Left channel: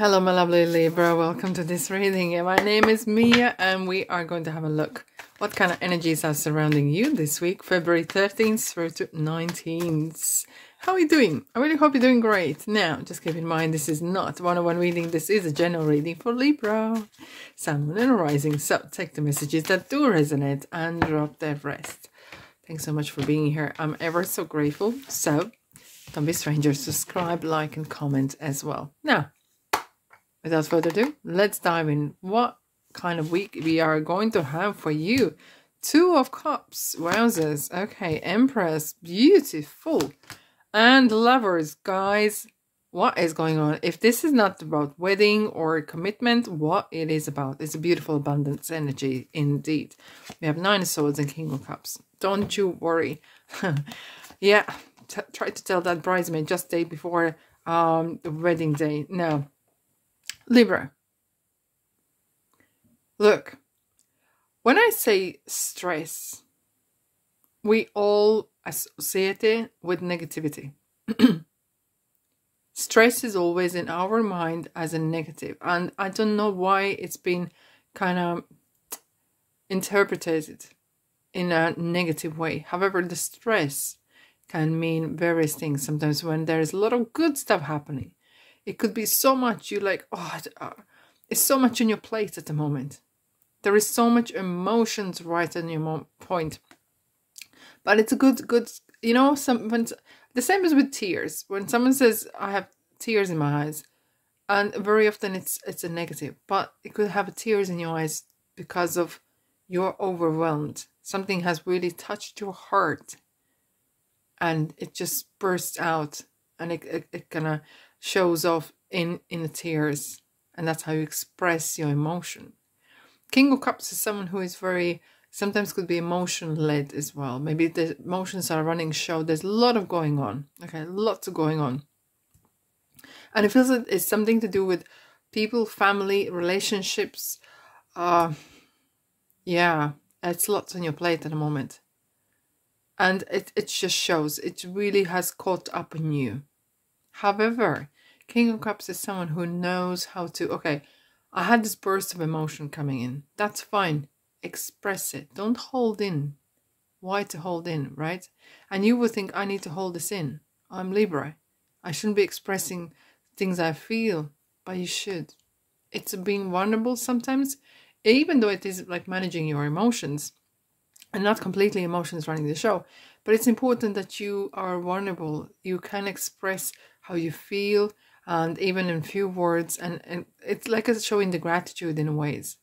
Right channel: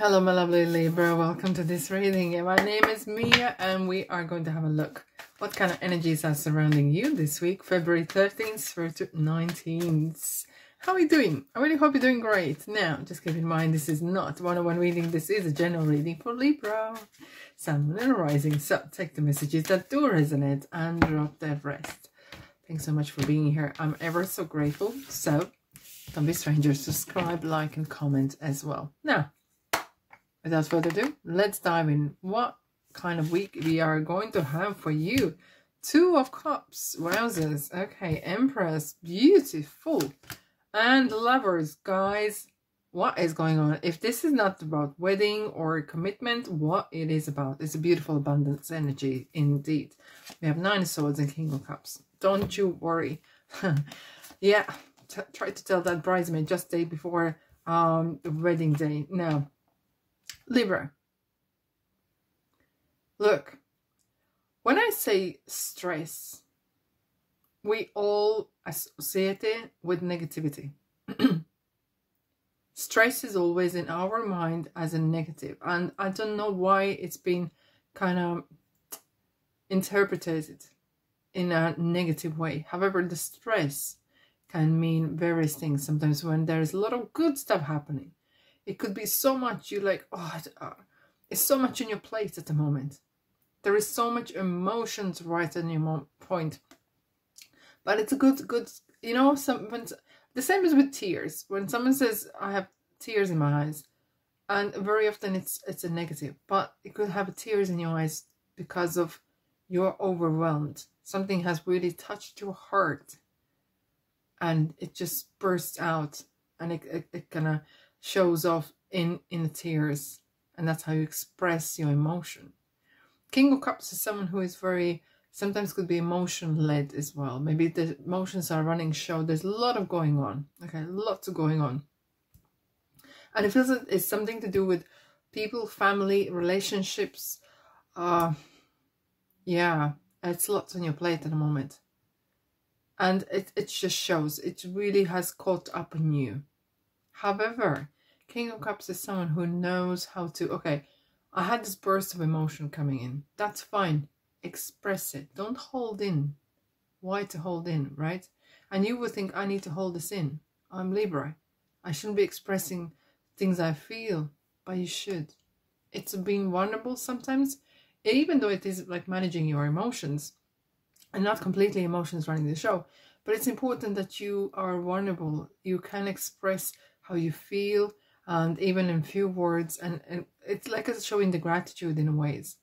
Hello, my lovely Libra. Welcome to this reading. My name is Mia, and we are going to have a look what kind of energies are surrounding you this week, February 13th through to 19th. How are you doing? I really hope you're doing great. Now, just keep in mind, this is not one-on-one reading. This is a general reading for Libra, Sun, Moon, and Rising. So take the messages that do resonate and drop the rest. Thanks so much for being here. I'm ever so grateful. So don't be strangers. Subscribe, like, and comment as well. Now, without further ado, let's dive in. What kind of week we are going to have for you? Two of Cups. Wowzers. Okay, Empress. Beautiful. And Lovers. Guys, what is going on? If this is not about wedding or commitment, what it is about? It's a beautiful abundance energy indeed. We have 9 of Swords and King of Cups. Don't you worry. Yeah, try to tell that bridesmaid just day before the wedding day. No. Libra, look, when I say stress, we all associate it with negativity. Stress is always in our mind as a negative, and I don't know why it's been kind of interpreted in a negative way. However, the stress can mean various things. Sometimes when there's a lot of good stuff happening, it could be so much you like, oh, it's so much on your plate at the moment. There is so much emotions right on your point. But it's a good, you know, the same as with tears. When someone says, I have tears in my eyes, and very often it's a negative. But it could have tears in your eyes because of you're overwhelmed. Something has really touched your heart. And it just bursts out. And it kind of shows off in the tears, and that's how you express your emotion. King of Cups is someone who is very, sometimes could be emotion led as well. Maybe the emotions are running show. There's a lot of going on. Okay, lots of going on, and it feels that it's something to do with people, family, relationships. Yeah, it's lots on your plate at the moment, and it just shows. It really has caught up on you. However, King of Cups is someone who knows how to, okay, I had this burst of emotion coming in. That's fine. Express it. Don't hold in. Why to hold in, right? And you would think, I need to hold this in. I'm Libra. I shouldn't be expressing things I feel, but you should. It's being vulnerable sometimes, even though it is like managing your emotions and not completely emotions running the show. But it's important that you are vulnerable. You can express how you feel, and even in few words, and it's like it's showing the gratitude in ways,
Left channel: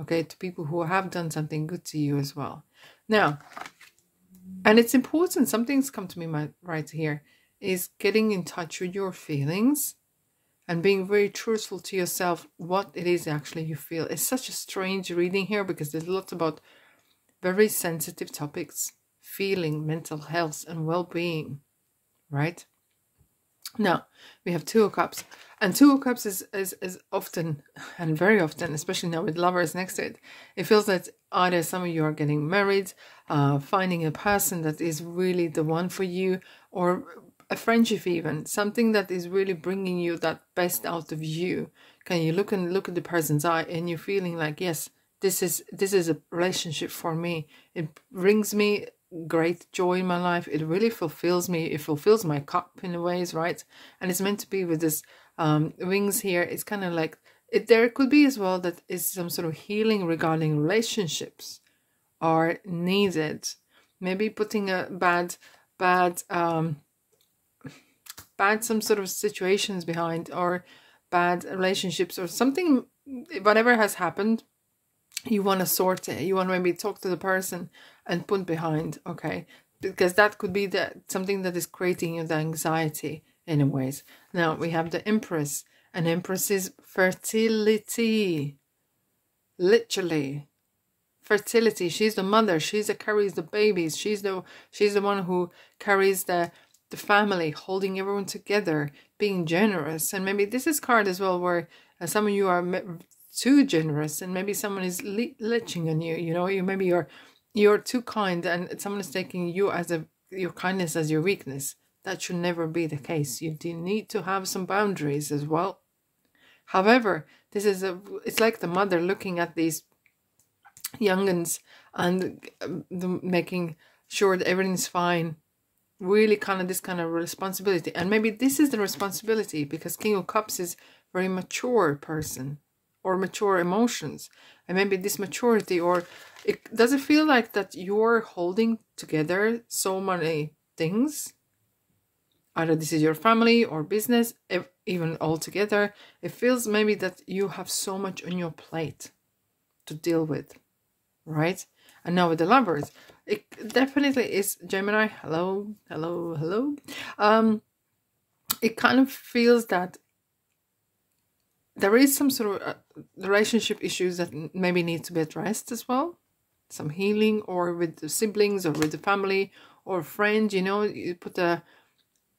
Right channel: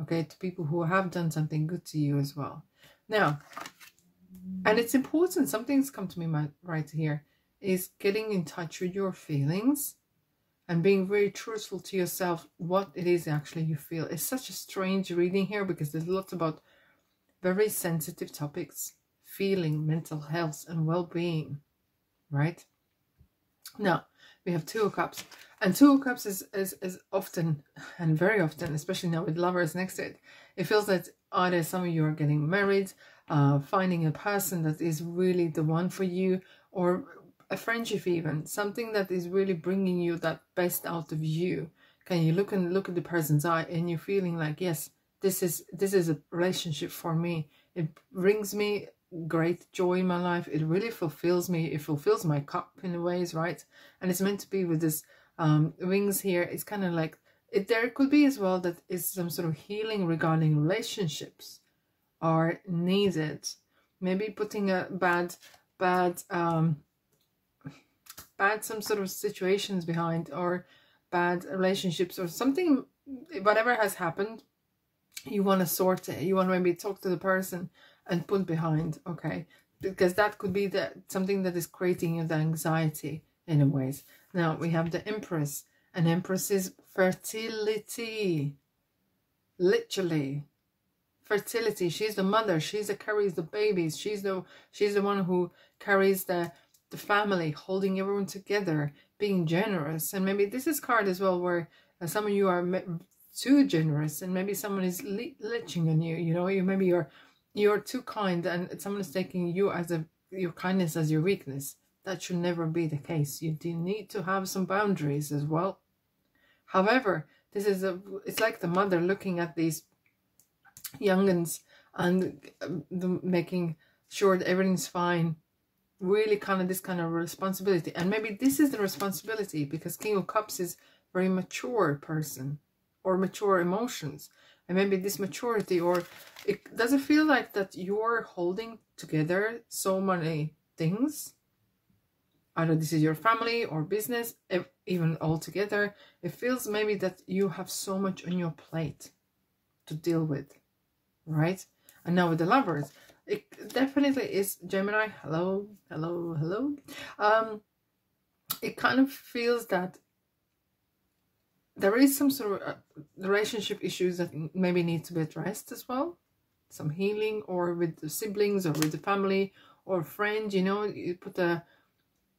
okay, to people who have done something good to you as well. Now, and it's important, something's come to me right here, is getting in touch with your feelings and being very truthful to yourself what it is actually you feel. It's such a strange reading here because there's lots about very sensitive topics, feeling, mental health, and well-being, right? Now, we have Two of Cups. And Two of Cups is often, and very often, especially now with Lovers next to it, it feels that either some of you are getting married, finding a person that is really the one for you, or a friendship even, something that is really bringing you that best out of you. Can you look at the person's eye and you're feeling like, yes, this is a relationship for me. It brings me great joy in my life. It really fulfills me. It fulfills my cup in a ways, right? And it's meant to be with this wings here. It's kind of like there could be as well that is some sort of healing regarding relationships are needed. Maybe putting a bad some sort of situations behind, or bad relationships or something, whatever has happened. You want to sort it. You want to maybe talk to the person and put behind, okay? Because that could be something that is creating you the anxiety in a ways. Now, we have the Empress. And Empress is fertility. Literally. Fertility. She's the mother. She's the carries the babies. She's the one who carries the family, holding everyone together, being generous. And maybe this is card as well where some of you are too generous, and maybe someone is leeching on you. You know, you're too kind, and someone is taking you as your kindness as your weakness. That should never be the case. You do need to have some boundaries as well. However, this is it's like the mother looking at these youngins and making sure that everything's fine. Really kind of this kind of responsibility. And maybe this is the responsibility because King of Cups is very mature person or mature emotions. And maybe this maturity, or it does it feel like that you're holding together so many things? Either this is your family or business, even all together. It feels maybe that you have so much on your plate to deal with, right? And now with the Lovers, it definitely is Gemini. Hello, hello, hello. It kind of feels that there is some sort of relationship issues that maybe need to be addressed as well. Some healing, or with the siblings, or with the family, or friends. You know, you put the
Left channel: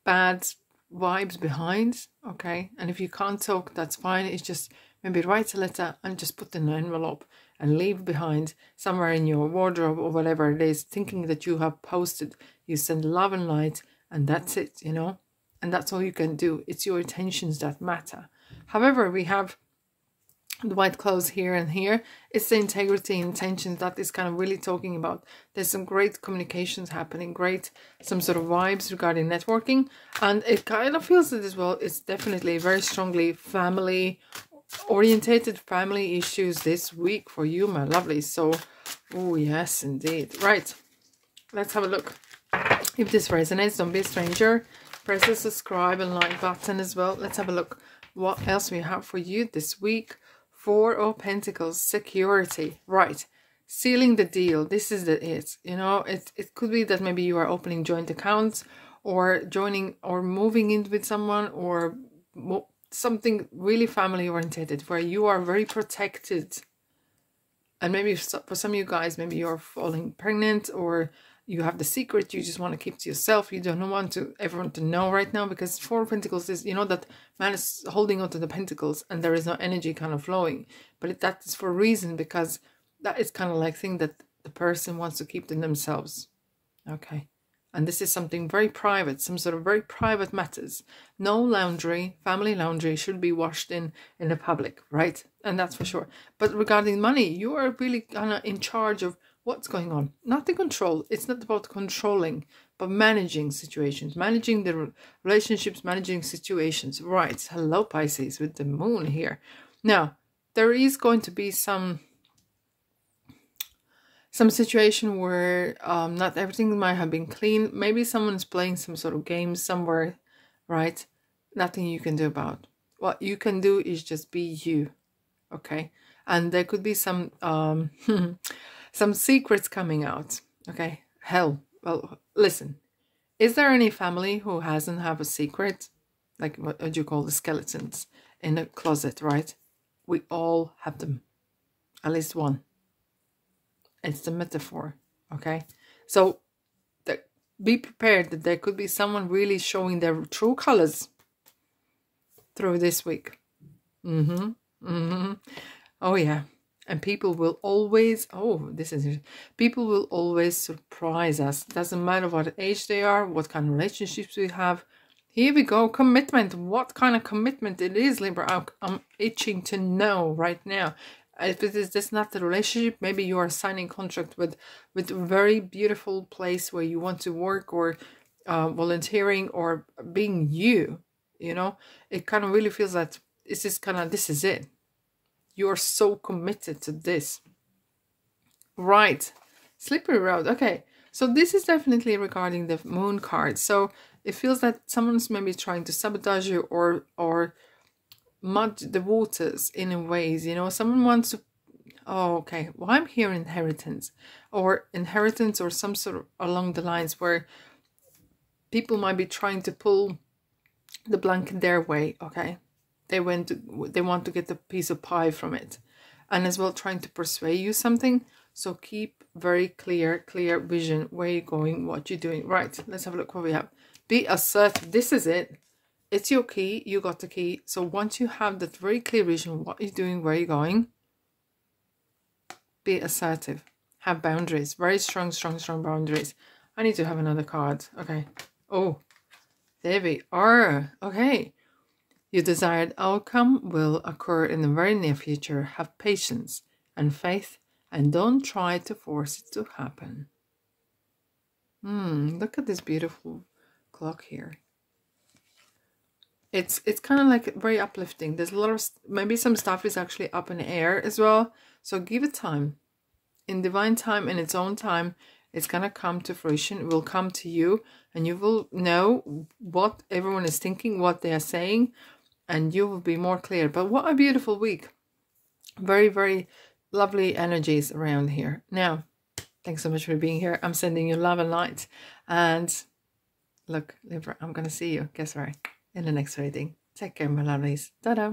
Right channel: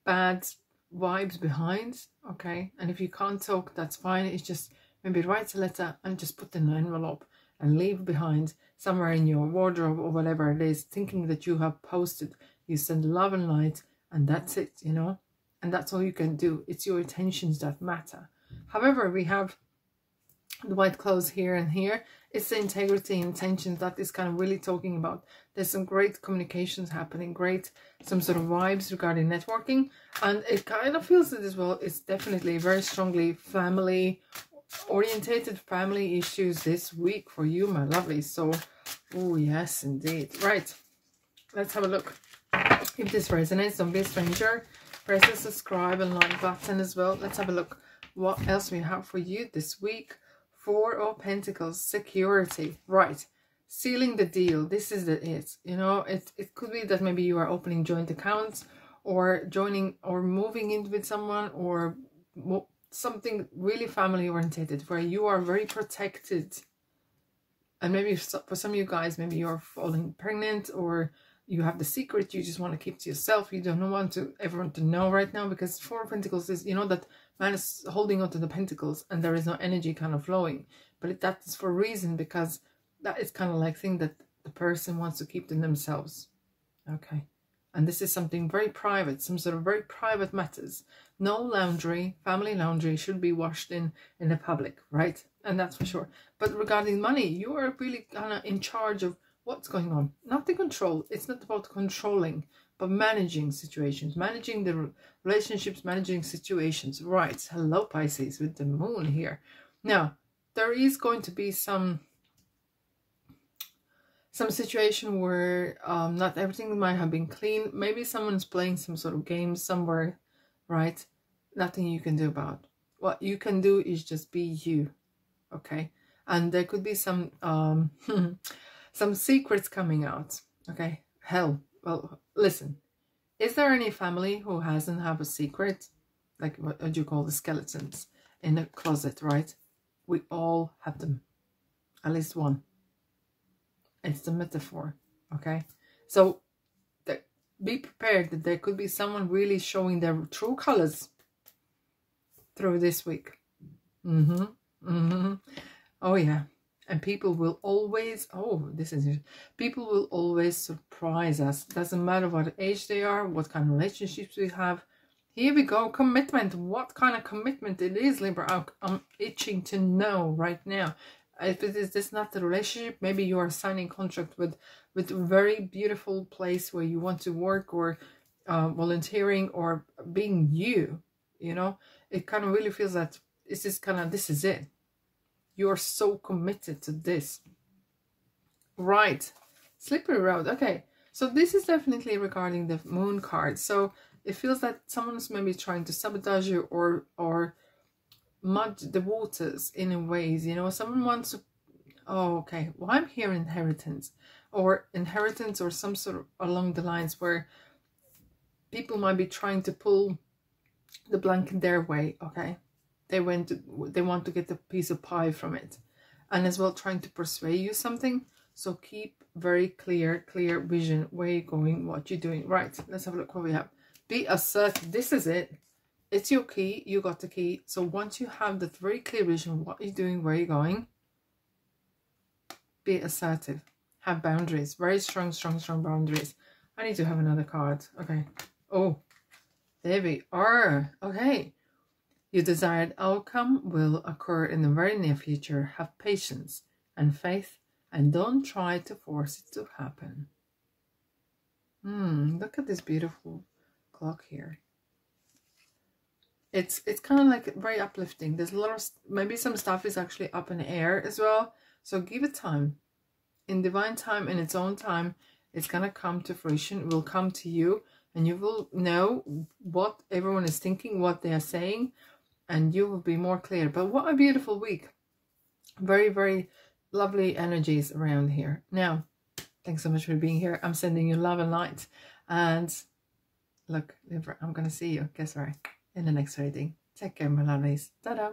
bad vibes behind, okay? And if you can't talk, that's fine. It's just maybe write a letter and just put in an envelope and leave behind somewhere in your wardrobe or whatever it is, thinking that you have posted. You send love and light, and that's it, you know? And that's all you can do. It's your intentions that matter. However, we have the white clothes here and here. It's the integrity and intentions that is kind of really talking about. There's some great communications happening, great some sort of vibes regarding networking, and it kind of feels it as well. It's definitely very strongly family orientated, family issues this week for you, my lovely. So, oh yes, indeed. Right, let's have a look. If this resonates, don't be a stranger. Press the subscribe and like button as well. Let's have a look what else we have for you this week. Four of Pentacles, security. Right, sealing the deal. This is it. You know, it could be that maybe you are opening joint accounts, or joining or moving in with someone, or something really family oriented where you are very protected. And maybe for some of you guys, maybe you're falling pregnant, or you have the secret you just want to keep to yourself. You don't want everyone to know right now, because Four of Pentacles is, you know, that man is holding on to the pentacles and there is no energy kind of flowing. But that is for a reason, because that is kind of like thing that the person wants to keep to themselves. Okay. And this is something very private, some sort of very private matters. No laundry, family laundry should be washed in the public, right? And that's for sure. But regarding money, you are really kind of in charge of what's going on. Not the control. It's not about controlling, but managing situations, managing the relationships, managing situations. Right. Hello, Pisces, with the moon here. Now, there is going to be some situation where not everything might have been clean. Maybe someone's playing some sort of game somewhere, right? Nothing you can do about. What you can do is just be you, okay? And there could be some some secrets coming out, okay? Hell, well, listen. Is there any family who hasn't have a secret? Like what do you call the skeletons in a closet, right? We all have them. At least one. It's the metaphor, okay? So be prepared that there could be someone really showing their true colors through this week. Oh yeah. And people will always, people will always surprise us. Doesn't matter what age they are, what kind of relationships we have. Here we go, commitment. What kind of commitment it is, Libra? I'm itching to know right now. If it is just not the relationship, maybe you are signing contract with a very beautiful place where you want to work, or volunteering, or being you, you know. It kind of really feels that this is it. You're so committed to this. Right. Slippery road. Okay. So this is definitely regarding the moon card. So it feels that someone's maybe trying to sabotage you, or mud the waters in a ways, you know. Someone wants to, well, I'm here inheritance or some sort of along the lines where people might be trying to pull the blanket their way, okay? They want to get a piece of pie from it, and as well trying to persuade you something. So keep very clear vision where you're going, what you're doing. Right, let's have a look what we have. Be assertive. This is it. It's your key. You got the key. So once you have that very clear vision, what you're doing, where you're going, be assertive. Have boundaries. Very strong boundaries. I need to have another card. Okay. Oh, there we are. Okay. Your desired outcome will occur in the very near future. Have patience and faith, and don't try to force it to happen. Look at this beautiful clock here. It's kind of like very uplifting. There's a lot of, maybe some stuff is actually up in the air as well. So give it time. In divine time, in its own time, it's going to come to fruition. It will come to you, and you will know what everyone is thinking, what they are saying, and you will be more clear. But what a beautiful week. Very, very lovely energies around here. Now, thanks so much for being here. I'm sending you love and light. And look, Libra, I'm going to see you, guess where? In the next reading. Take care, my lovelies. Ta-da!